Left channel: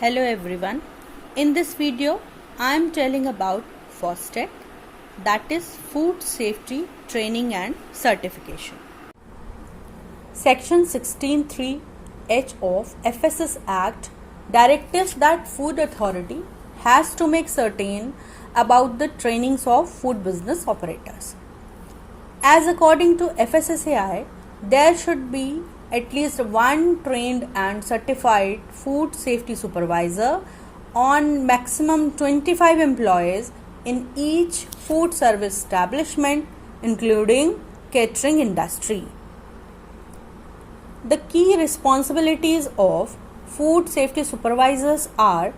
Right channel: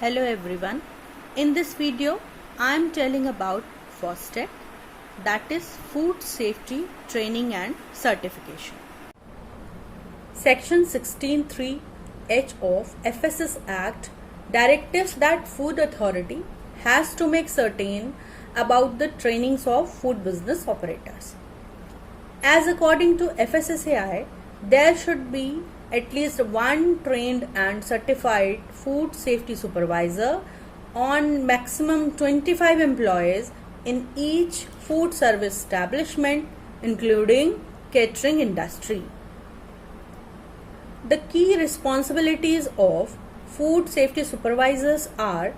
Hello everyone. In this video, I am telling about FOSTEC, that is Food Safety Training and Certification. Section 16(3)(h) of FSS Act directives that Food Authority has to make certain about the trainings of food business operators. As according to FSSAI, there should be at least one trained and certified food safety supervisor on maximum 25 employees in each food service establishment, including catering industry. The key responsibilities of food safety supervisors are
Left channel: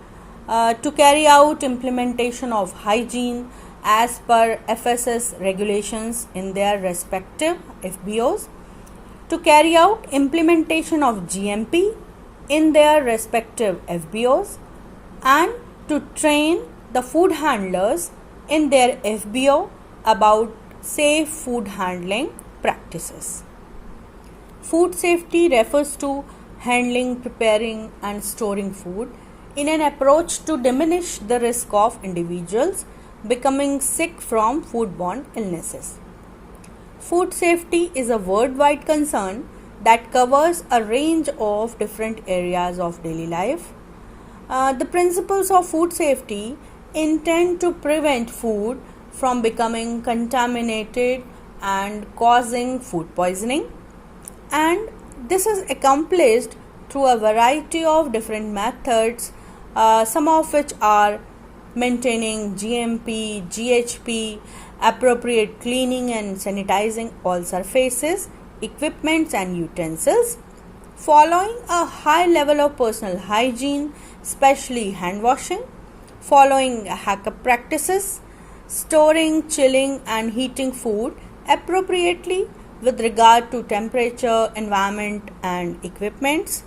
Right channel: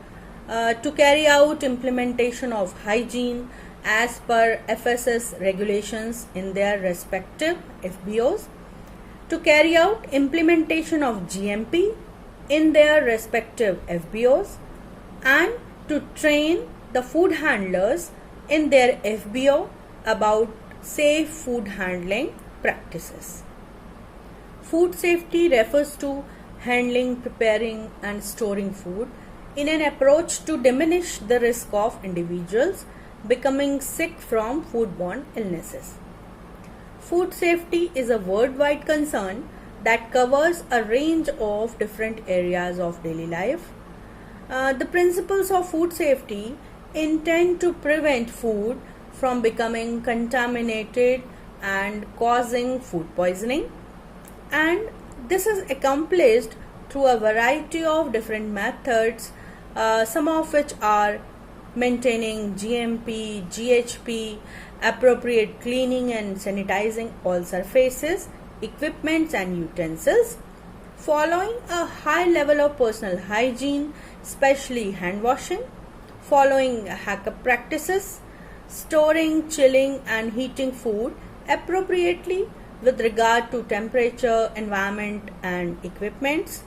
to carry out implementation of hygiene as per FSS regulations in their respective FBOs, to carry out implementation of GMP in their respective FBOs, and to train the food handlers in their FBO about safe food handling practices. Food safety refers to handling, preparing and storing food in an approach to diminish the risk of individuals becoming sick from foodborne illnesses. Food safety is a worldwide concern that covers a range of different areas of daily life. The principles of food safety intend to prevent food from becoming contaminated and causing food poisoning, and this is accomplished through a variety of different methods, some of which are maintaining GMP, GHP, appropriate cleaning and sanitizing all surfaces, equipments and utensils, following a high level of personal hygiene, especially hand washing, following HACCP practices, storing, chilling and heating food appropriately with regard to temperature, environment and equipments,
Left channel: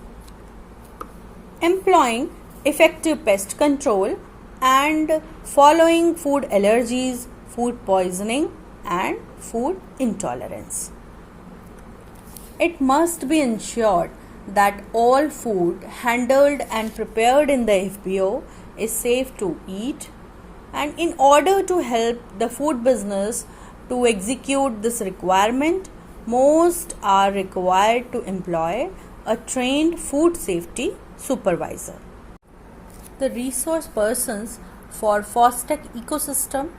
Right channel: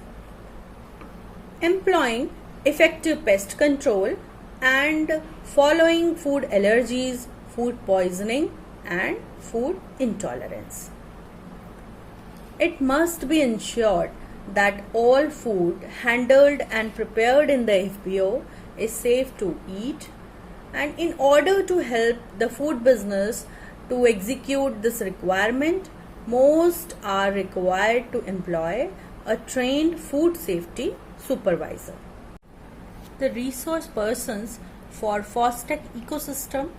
employing effective pest control and following food allergies, food poisoning and food intolerance. It must be ensured that all food handled and prepared in the FBO is safe to eat, and in order to help the food business to execute this requirement, most are required to employ a trained food safety supervisor. The resource persons for FOSTEC ecosystem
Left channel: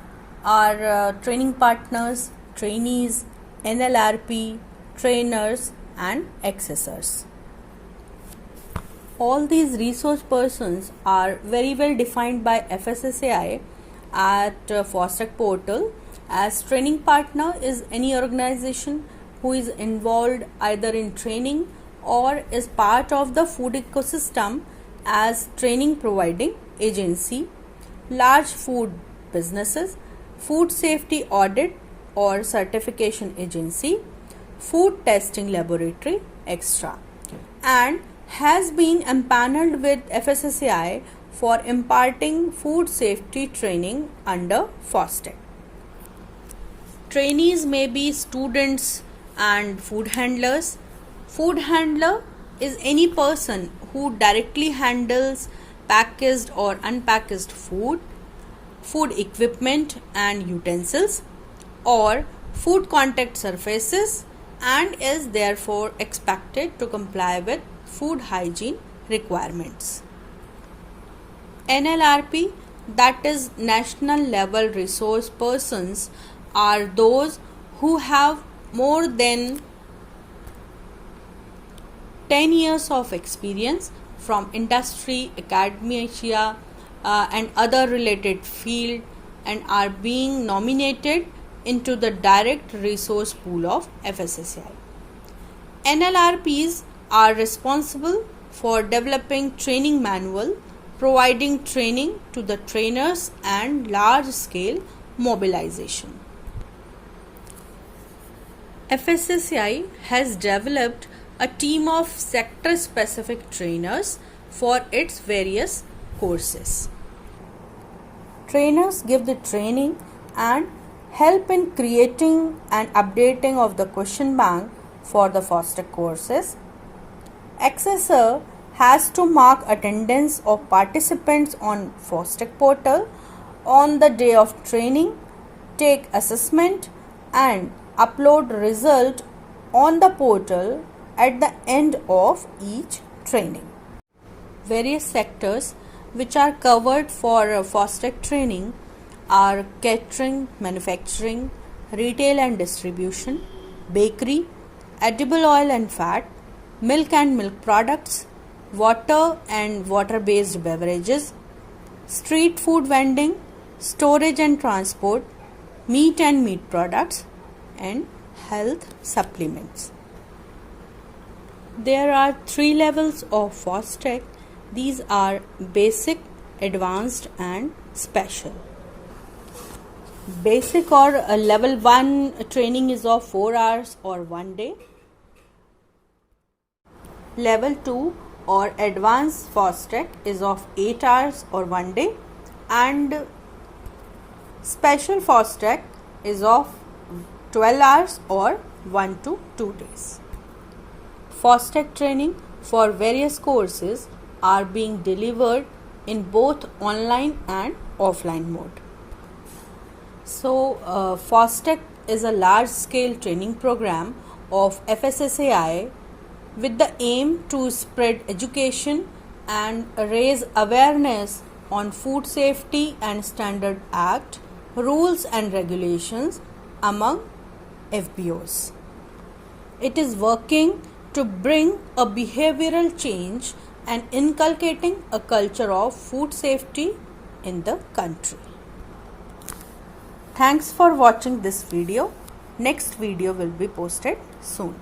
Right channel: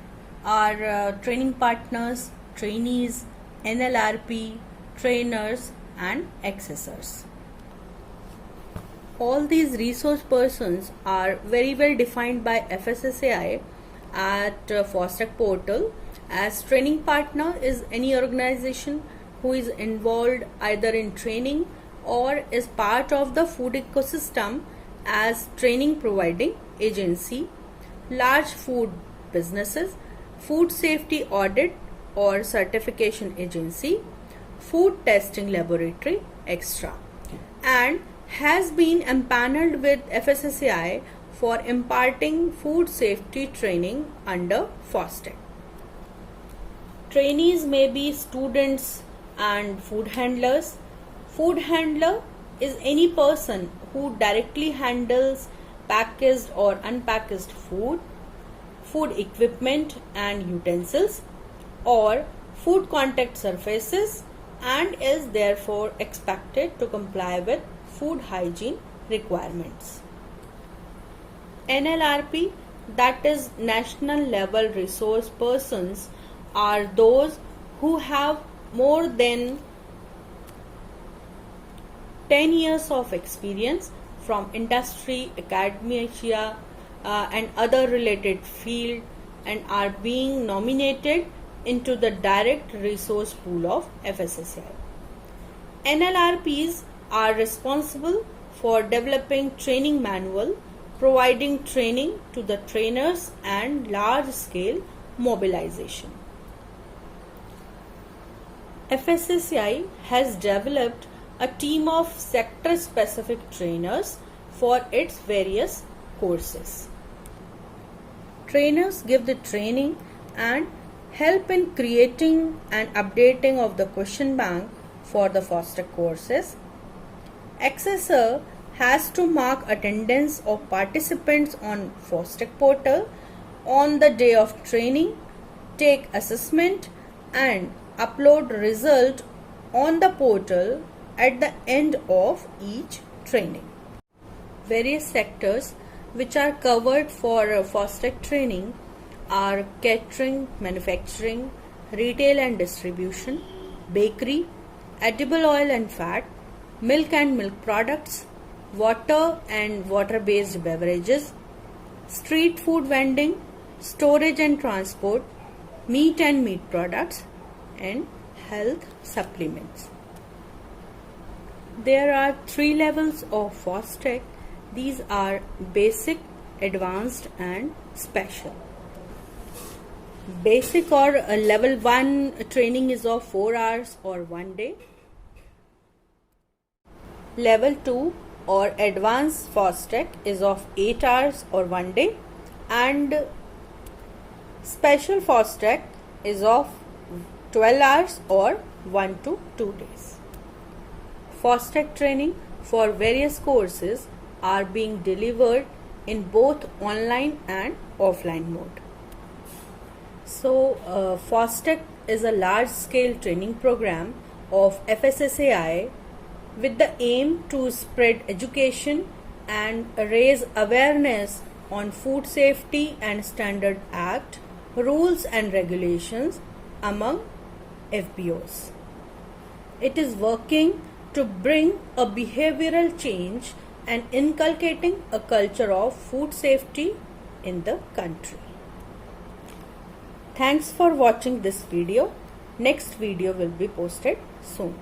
are training partners, trainees, NLRP, trainers and accessors. All these resource persons are very well defined by FSSAI at FOSTEC portal. As training partner is any organization who is involved either in training or is part of the food ecosystem as training providing agency, large food businesses, food safety audit or certification agency, food testing laboratory, etc., and has been empaneled with FSSAI for imparting food safety training under FOSTEC. Trainees may be students and food handlers. Food handler is any person who directly handles packaged or unpackaged food, food equipment and utensils, or food contact surfaces, and is therefore expected to comply with food hygiene requirements. NLRP, that is National Level Resource Persons, are those who have more than 10 years of experience from industry, academia and other related field and are being nominated into the direct resource pool of FSSAI. NLRPs are responsible for developing training manual, providing training to the trainers and large scale mobilization. FSSAI has developed a team of sector specific trainers for its various courses. Trainers give the training and help in creating and updating of the question bank for the FOSTEC courses. Accessor has to mark attendance of participants on FOSTEC portal on the day of training, take assessment and upload result on the portal at the end of each training. Various sectors which are covered for FOSTEC training are catering, manufacturing, retail and distribution, bakery, edible oil and fat, milk and milk products, water and water-based beverages, street food vending, storage and transport, meat and meat products, and health supplements. There are 3 levels of FOSTEC. These are basic, advanced and special. Basic or level 1 training is of 4 hours or 1 day. Level 2 or advanced FOSTEC is of 8 hours or 1 day, and special FOSTEC is of 12 hours or 1 to 2 days. FOSTEC training for various courses are being delivered in both online and offline mode. So, FOSTEC is a large-scale training program of FSSAI with the aim to spread education and raise awareness on Food Safety and Standard Act, rules and regulations among FBOs. It is working to bring a behavioral change and inculcating a culture of food safety in the country. Thanks for watching this video. Next video will be posted soon.